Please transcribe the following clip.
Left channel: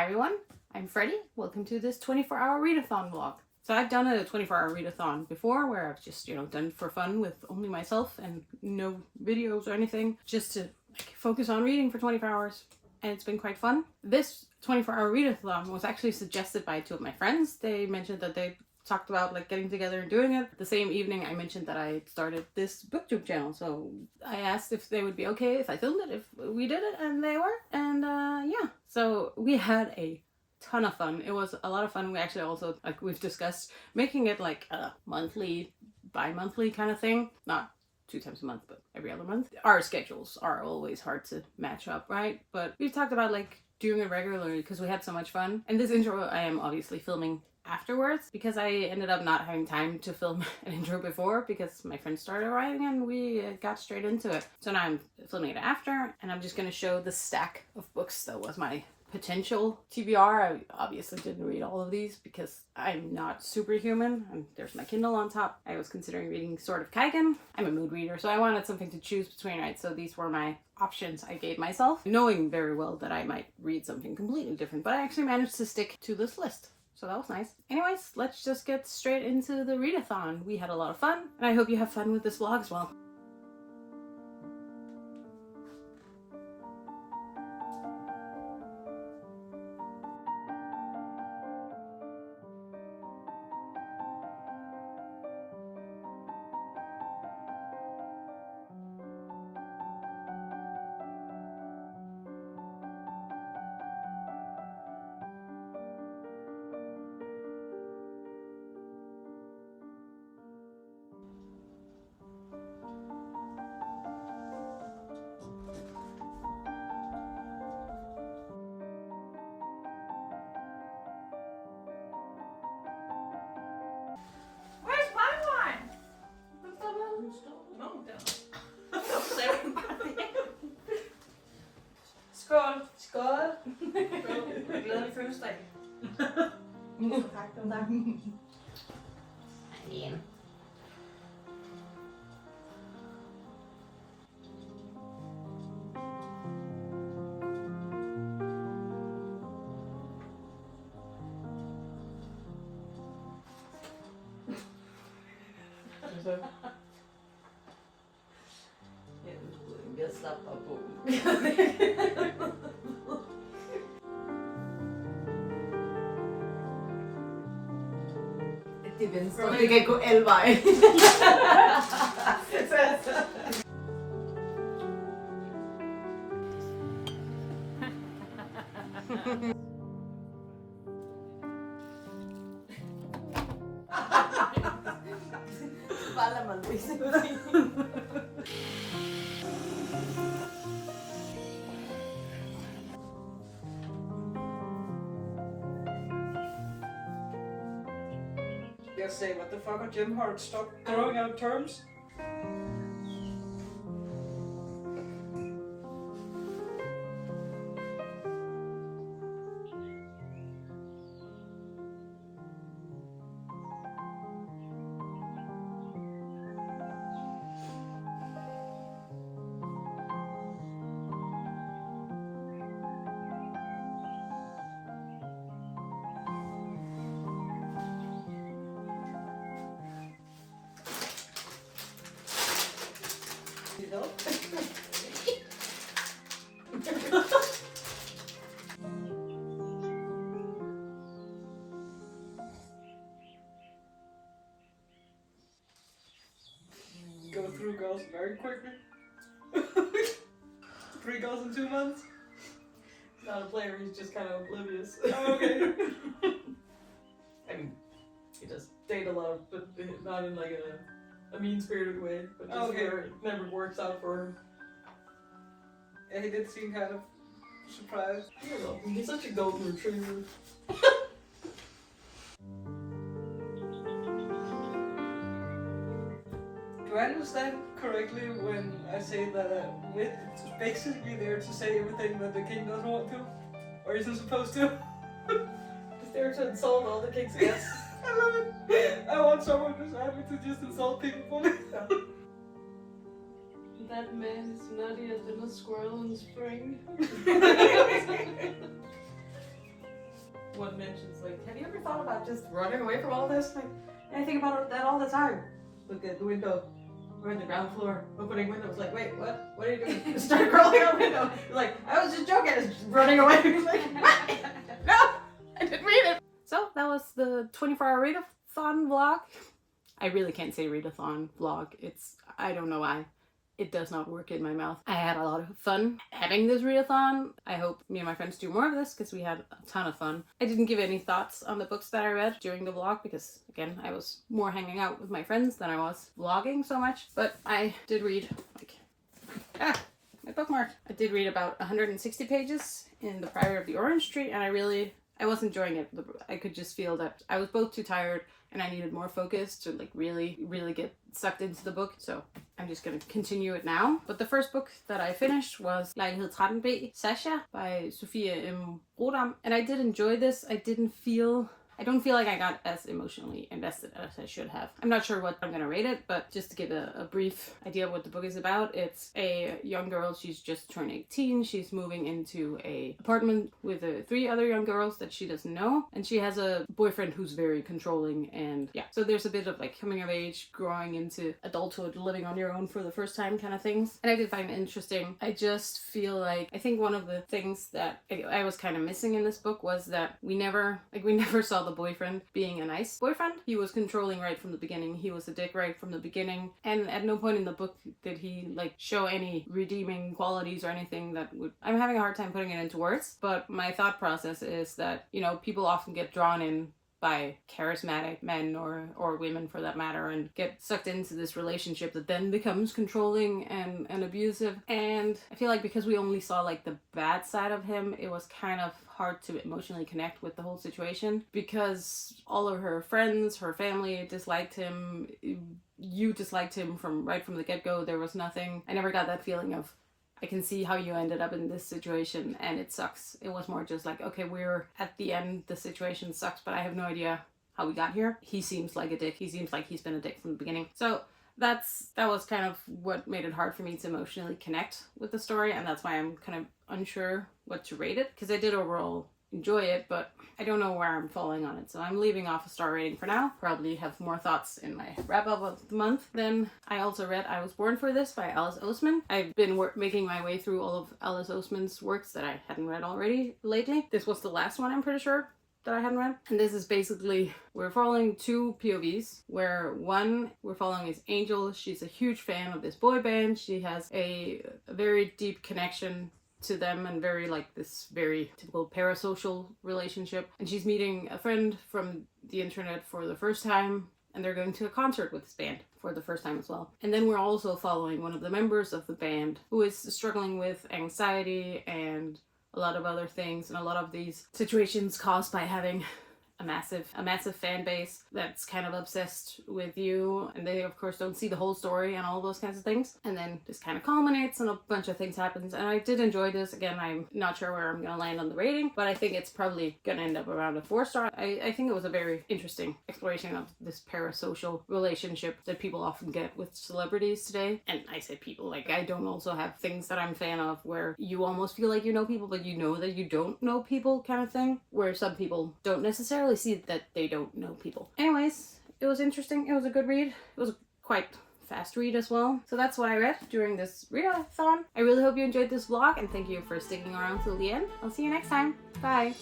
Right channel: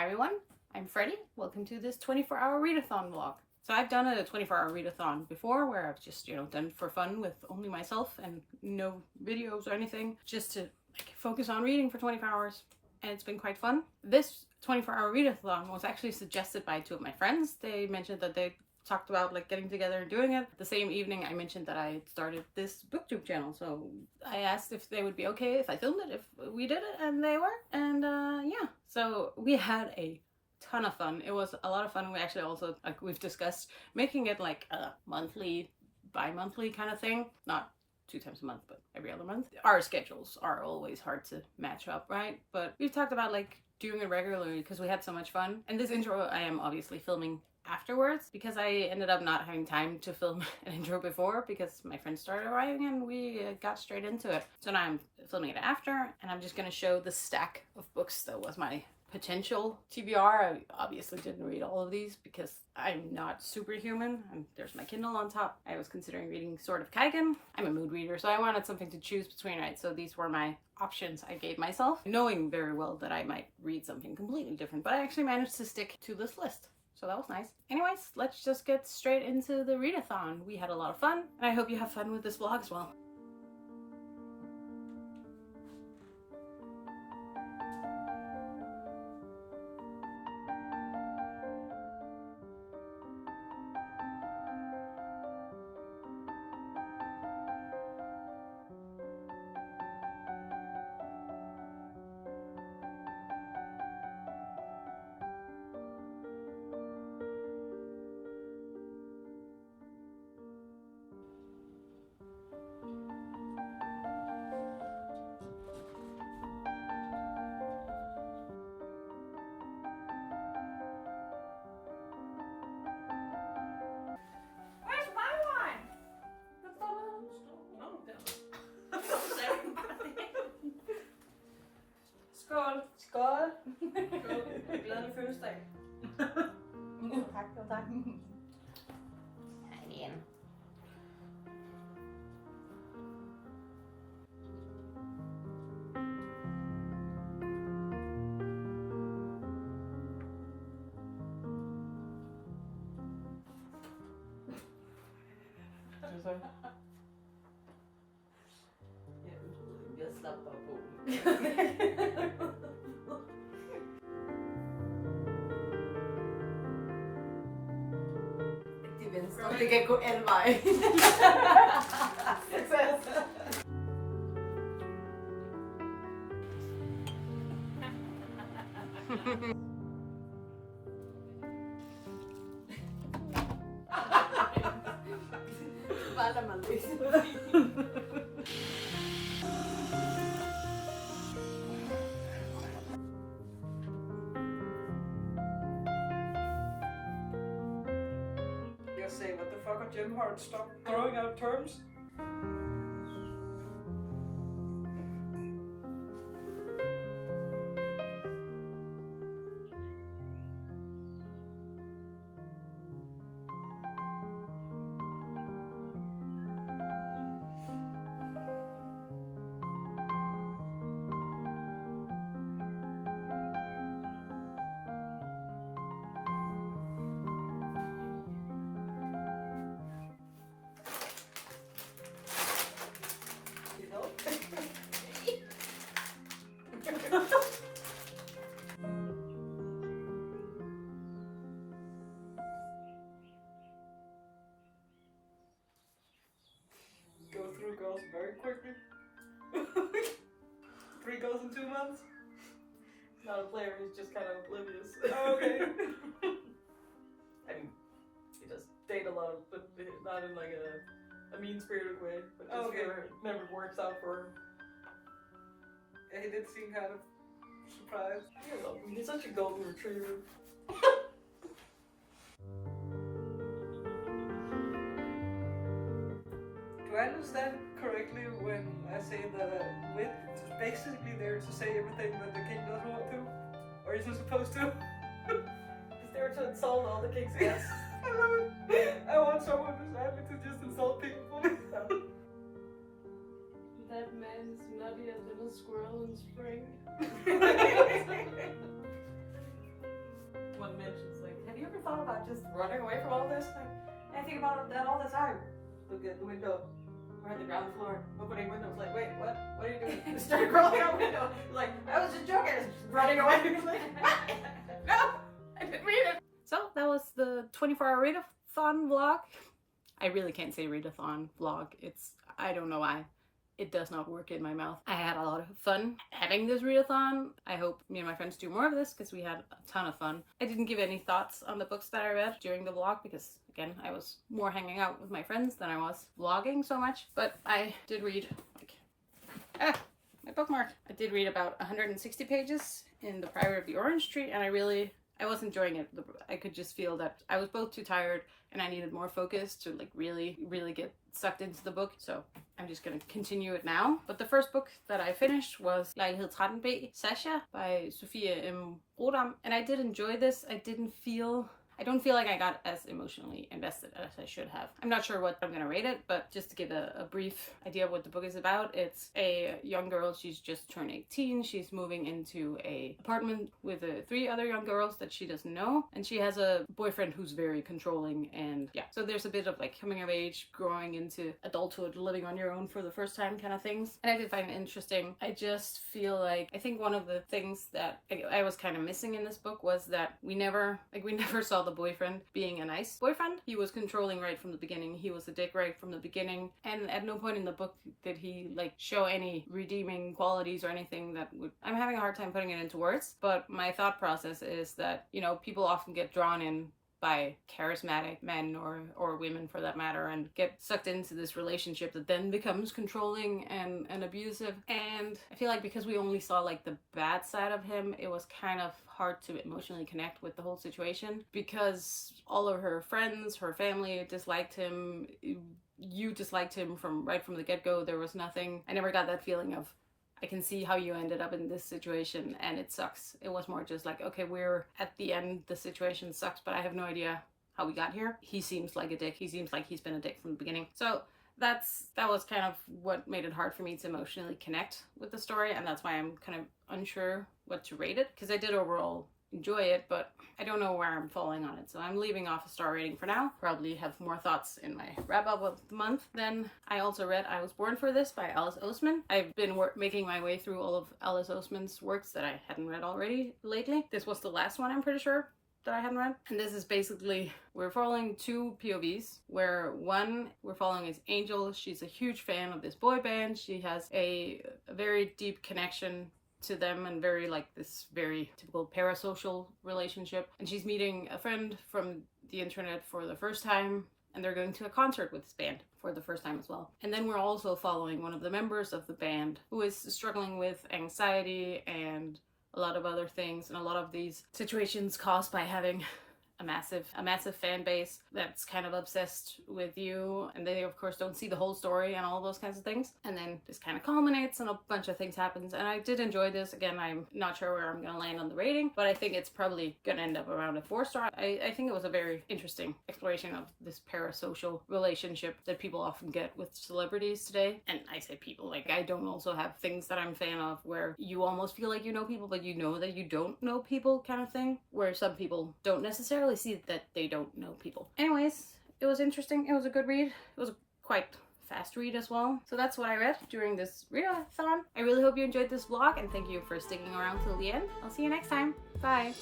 Hi everyone, I'm Freddie. Welcome to this 24-hour readathon vlog. So I've done a 24-hour readathon before where I've just, done it for fun with only myself and no videos or anything, just to focus on reading for 24 hours. And it's been quite fun. This 24-hour readathon was actually suggested by two of my friends. They mentioned that they talked about getting together and doing it. The same evening I mentioned that I started this booktube channel, so I asked if they would be okay if I filmed it, if we did it, and they were. And yeah, so we had a ton of fun. It was a lot of fun. We actually also, we've discussed making it like a monthly, bi-monthly kind of thing, not 2 times a month, but every other month. Our schedules are always hard to match up, right? But we've talked about doing it regularly because we had so much fun. And this intro I am obviously filming afterwards because I ended up not having time to film an intro before because my friends started arriving and we got straight into it. So now I'm filming it after, and I'm just gonna show the stack of books that was my potential TBR. I obviously didn't read all of these because I'm not superhuman, and there's my Kindle on top. I was considering reading Sword of Kaigen. I'm a mood reader, so I wanted something to choose between, right? So these were my options I gave myself, knowing very well that I might read something completely different, but I actually managed to stick to this list. So that was nice. Anyways, let's just get straight into the readathon. We had a lot of fun, and I hope you have fun with this vlog as well. Skål! Skål! Glædelig fødselsdag. Tak. Igen. Jeg slapper på. Det er venstre. Det kan gå alle veje. Bare lad mig løse. Just say, what the fuck, are Jim Hart, stop throwing out terms? Go through girls very quickly. 3 girls in 2 months. He's not a player, he's just kind of oblivious. Okay. I mean, he does date a lot, but not in a mean-spirited way. But just Okay. it never works out for him. Yeah, he did seem kind of surprised. I don't know, he's such a golden retriever. Do I understand correctly when I say that wit is basically there to say everything that the king doesn't want to? Or isn't supposed to? He's there to insult all the king's guests. I love it. I want someone who's happy to just insult people for me. That man is nuttier than a squirrel in spring. one mentions like, have you ever thought about just running away from all this? Like, I think about that all the time. Look at the window. We're on the ground floor, opening windows. Like, wait, what? What are you doing? Start crawling out the window. Like, I was just joking. I was just running away. Like, what? No, I didn't read it. So that was the 24-hour readathon vlog. I really can't say readathon vlog. I don't know why. It does not work in my mouth. I had a lot of fun having this readathon. I hope me and my friends do more of this because we had a ton of fun. I didn't give any thoughts on the books that I read during the vlog because, again, I was more hanging out with my friends than I was vlogging so much. But I did read, like, my bookmark. I did read about 160 pages in The Priory of the Orange Tree, and I was enjoying it. I could just feel that I was both too tired and I needed more focus to like really get sucked into the book. So I'm just gonna continue it now. But the first book that I finished was Lejlighed 13B, Sasha by Sofia M. Rodam. And I did enjoy this. I don't feel like I got as emotionally invested as I should have. I'm not sure what I'm gonna rate it, but just to give a brief idea of what the book is about, it's a young girl. She's just turned 18. She's moving into a apartment with 3 other young girls that she doesn't know, and she has a boyfriend who's very controlling. And yeah, so there's a bit of like coming of age, growing into adulthood, living on your own for the first time kind of things. And I did find it interesting. I just feel like I think one of the things that I was kind of missing in this book was that we never saw the boyfriend being a nice boyfriend. He was controlling right from the beginning. He was a dick right from the beginning, and at no point in the book did he like show any redeeming qualities or anything that would... I'm having a hard time putting it into words, but my thought process is that, you know, people often get drawn in by charismatic men or women for that matter and get sucked into this relationship that then becomes controlling and abusive. And I feel like because we only saw like the bad side of him, it was kind of hard to emotionally connect with the whole situation because all of her friends, her family disliked him. You disliked him right from the get-go. There was nothing. I never got that feeling of, I can see how you ended up in this situation and it sucks. It was more just like, okay, we're at the end, the situation sucks, but I have no idea how we got here. He seems like a dick. He seems like he's been a dick from the beginning. So that was kind of what made it hard for me to emotionally connect with the story, and that's why I'm kind of unsure what to rate it, because I did overall enjoy it, but I don't know where I'm falling on it. So I'm leaving off a star rating for now. Probably have more thoughts in my wrap up of the month. Then I also read I Was Born for This by Alice Oseman. I've been making my way through all of Alice Oseman's works that I hadn't read already lately. This was the last one, I'm pretty sure, that I hadn't read. And this is basically, we're following 2 POVs, where one we're following is Angel. She's a huge fan of this boy band. She has a very deep connection to them and very like this very typical parasocial relationship, and she's meeting a friend from the internet for the first time, and they're going to a concert with this band for the first time as well. And then we're also following one of the members of the band who is struggling with anxiety and a lot of other things, and a lot of these situations caused by having a massive fan base that's kind of obsessed with you, and they of course don't see the whole story and all those kinds of things. And then this kind of culminates and a bunch of things happens, and I did enjoy this. Again, I'm not sure where I'm gonna land on the rating, but I think it's probably gonna end up around a 4-star. I think it was a very interesting exploration of this parasocial relationship that people often get with celebrities today. And I say people, like I don't also have things that I'm a fan of where you almost feel like you know people but you know that you don't know people kind of thing, where some people don't necessarily see that they don't know people. Anyways, it was interesting. It was a good read. It was a quite fast read as well. So that's what I read during this readathon. I really hope you enjoyed this vlog, and thank you for sticking around till the end. I'll see you next time. Bye.